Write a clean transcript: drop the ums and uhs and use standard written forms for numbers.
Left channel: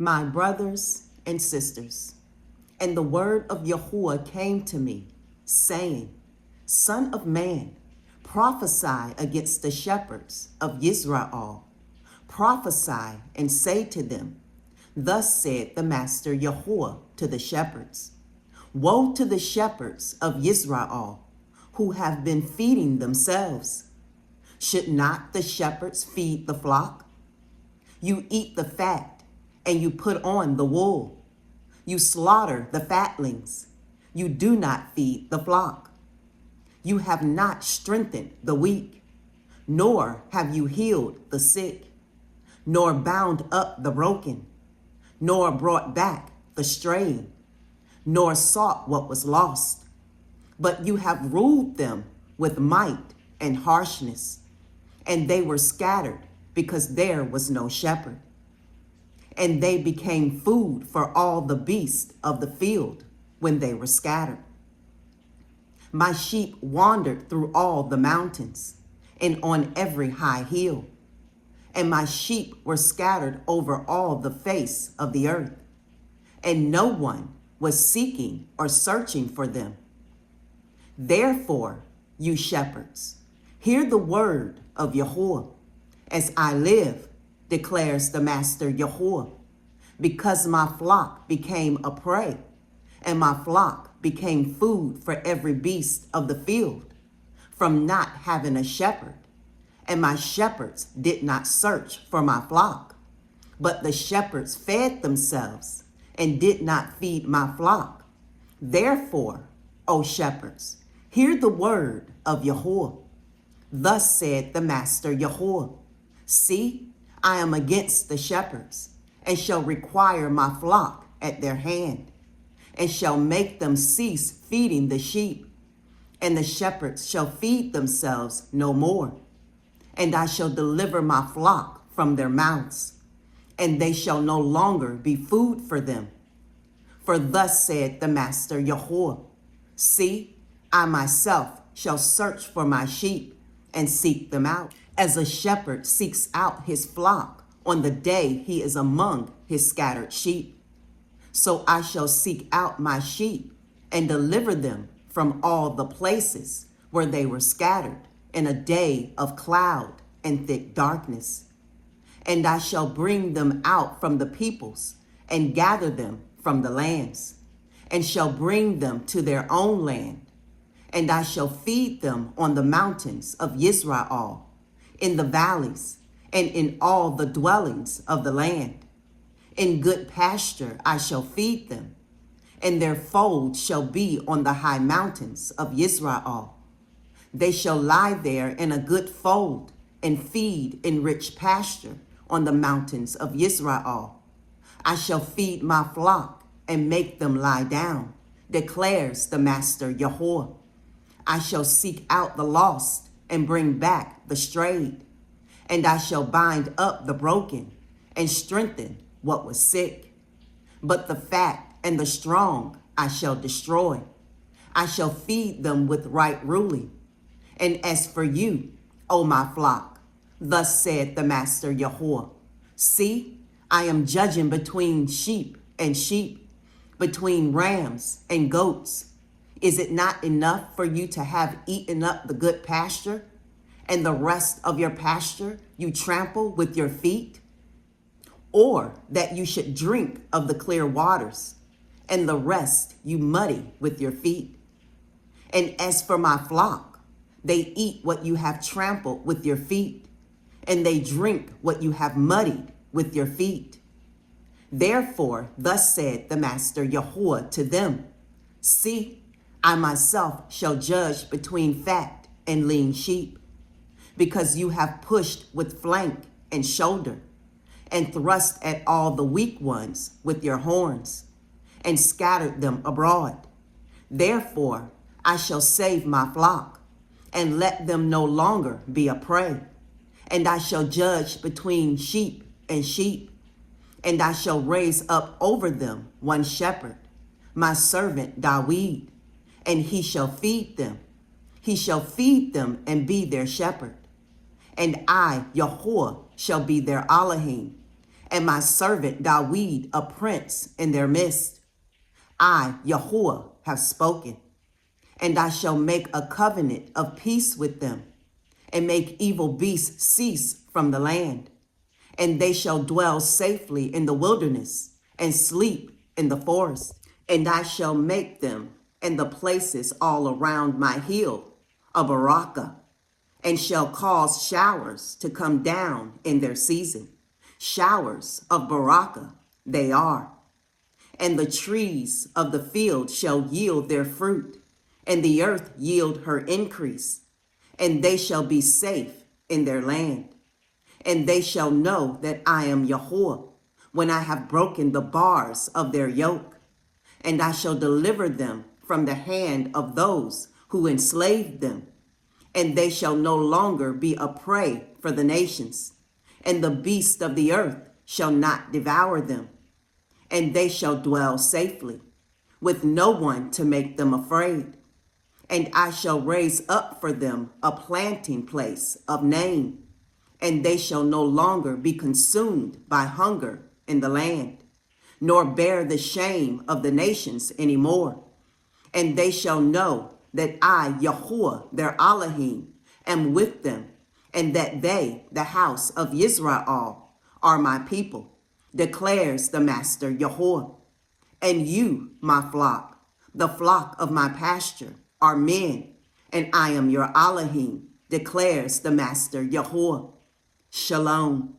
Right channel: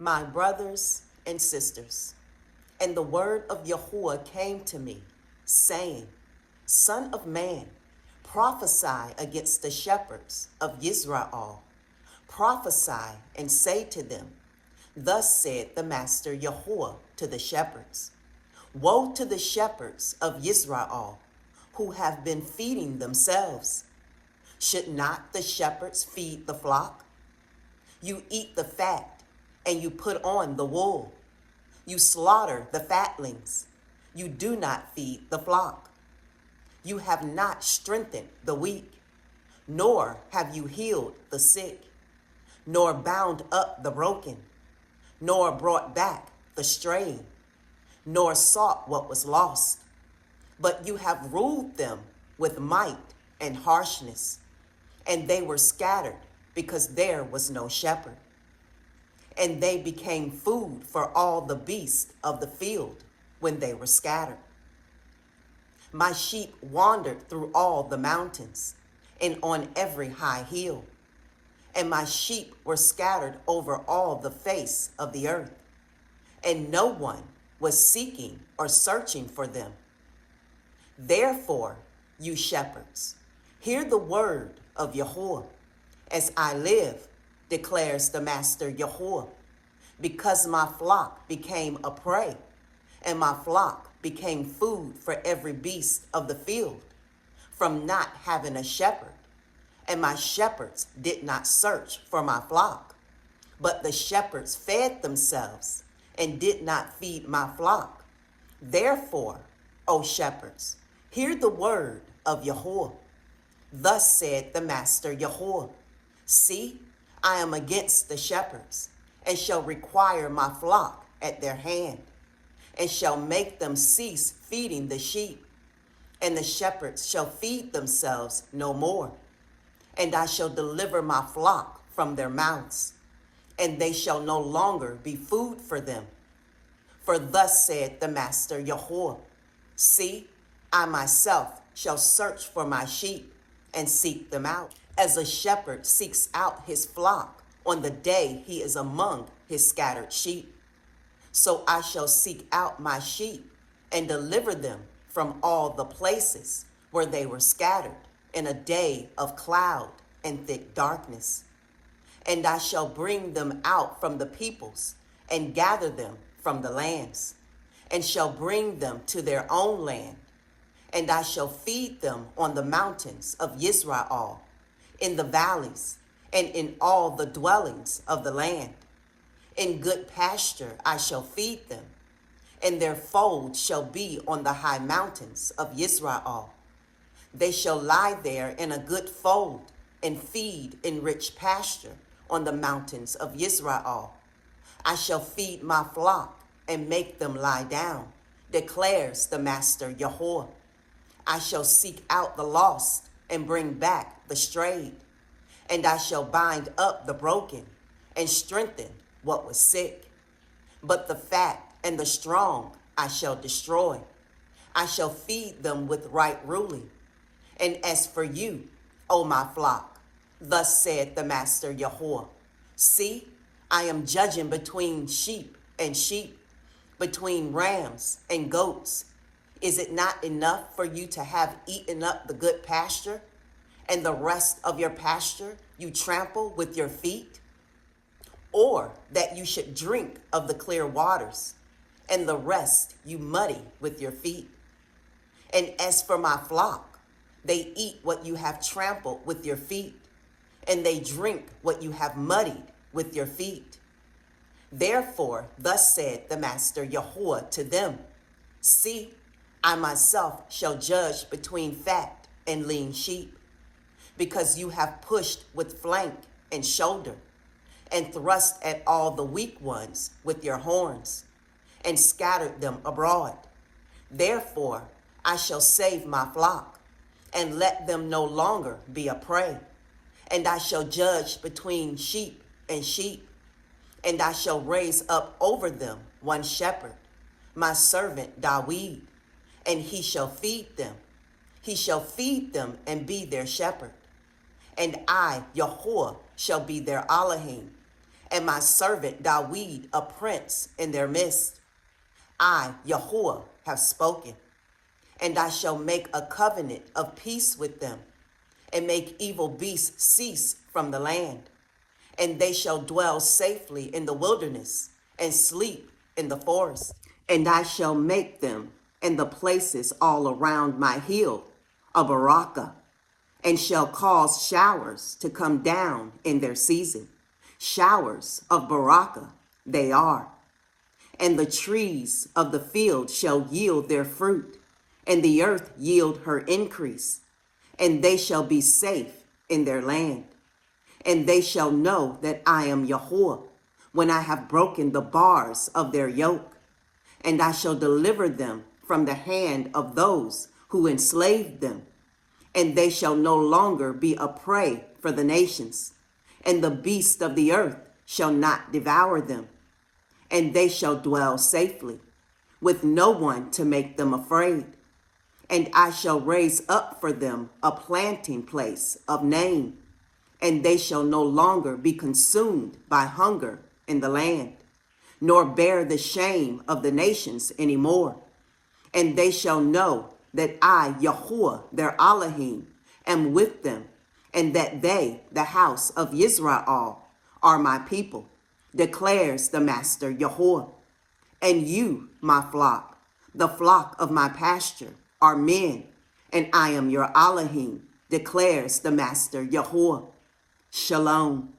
My brothers and sisters, and the word of Yahuwah came to me, saying, Son of man, prophesy against the shepherds of Israel. Prophesy and say to them, Thus said the Master Yahuwah to the shepherds, Woe to the shepherds of Israel, who have been feeding themselves. Should not the shepherds feed the flock? You eat the fat, and you put on the wool. You slaughter the fatlings. You do not feed the flock. You have not strengthened the weak, nor have you healed the sick, nor bound up the broken, nor brought back the straying, nor sought what was lost. But you have ruled them with might and harshness, and they were scattered because there was no shepherd. And they became food for all the beasts of the field when they were scattered. My sheep wandered through all the mountains and on every high hill, and my sheep were scattered over all the face of the earth, and no one was seeking or searching for them. Therefore, you shepherds, hear the word of Yahuwah. As I live, declares the Master Yahuwah, because my flock became a prey, and my flock became food for every beast of the field, from not having a shepherd. And my shepherds did not search for my flock, but the shepherds fed themselves and did not feed my flock. Therefore, O shepherds, hear the word of Yahuwah. Thus said the Master Yahuwah, See, I am against the shepherds, and shall require my flock at their hand, and shall make them cease feeding the sheep, and the shepherds shall feed themselves no more. And I shall deliver my flock from their mouths, and they shall no longer be food for them. For thus said the Master Yahuwah, See, I myself shall search for my sheep and seek them out, as a shepherd seeks out his flock on the day he is among his scattered sheep. So I shall seek out my sheep and deliver them from all the places where they were scattered in a day of cloud and thick darkness. And I shall bring them out from the peoples and gather them from the lands, and shall bring them to their own land. And I shall feed them on the mountains of Israel, in the valleys, and in all the dwellings of the land. In good pasture I shall feed them, and their fold shall be on the high mountains of Israel. They shall lie there in a good fold, and feed in rich pasture on the mountains of Israel. I shall feed my flock and make them lie down, declares the Master Yahuwah. I shall seek out the lost and bring back the strayed, and I shall bind up the broken and strengthen what was sick. But the fat and the strong I shall destroy. I shall feed them with right ruling. And as for you, O my flock, thus said the Master Yahuwah, See, I am judging between sheep and sheep, between rams and goats. Is it not enough for you to have eaten up the good pasture, and the rest of your pasture you trample with your feet? Or that you should drink of the clear waters, and the rest you muddy with your feet? And as for my flock, they eat what you have trampled with your feet, and they drink what you have muddied with your feet. Therefore, thus said the Master Yahuwah to them, See, I myself shall judge between fat and lean sheep, because you have pushed with flank and shoulder, and thrust at all the weak ones with your horns, and scattered them abroad. Therefore, I shall save my flock, and let them no longer be a prey. And I shall judge between sheep and sheep, and I shall raise up over them one shepherd, my servant Dawid, and he shall feed them. He shall feed them and be their shepherd. And I, Yahuwah, shall be their Elohim, and my servant Dawid a prince in their midst. I, Yahuwah, have spoken, and I shall make a covenant of peace with them, and make evil beasts cease from the land. And they shall dwell safely in the wilderness, and sleep in the forest. And I shall make them and the places all around my hill a baraka, and shall cause showers to come down in their season. Showers of baraka they are. And the trees of the field shall yield their fruit, and the earth yield her increase. And they shall be safe in their land. And they shall know that I am Yahuwah, when I have broken the bars of their yoke. And I shall deliver them from the hand of those who enslaved them. And they shall no longer be a prey for the nations. And the beasts of the earth shall not devour them. And they shall dwell safely, with no one to make them afraid. And I shall raise up for them a planting place of name, and they shall no longer be consumed by hunger in the land, nor bear the shame of the nations any more. And they shall know that I, Yahuwah, their Elohim, am with them, and that they, the house of Israel, are my people, declares the Master Yahuwah. And you, my flock, the flock of my pasture, are men, and I am your Elohim, declares the Master Yahuwah. Shalom.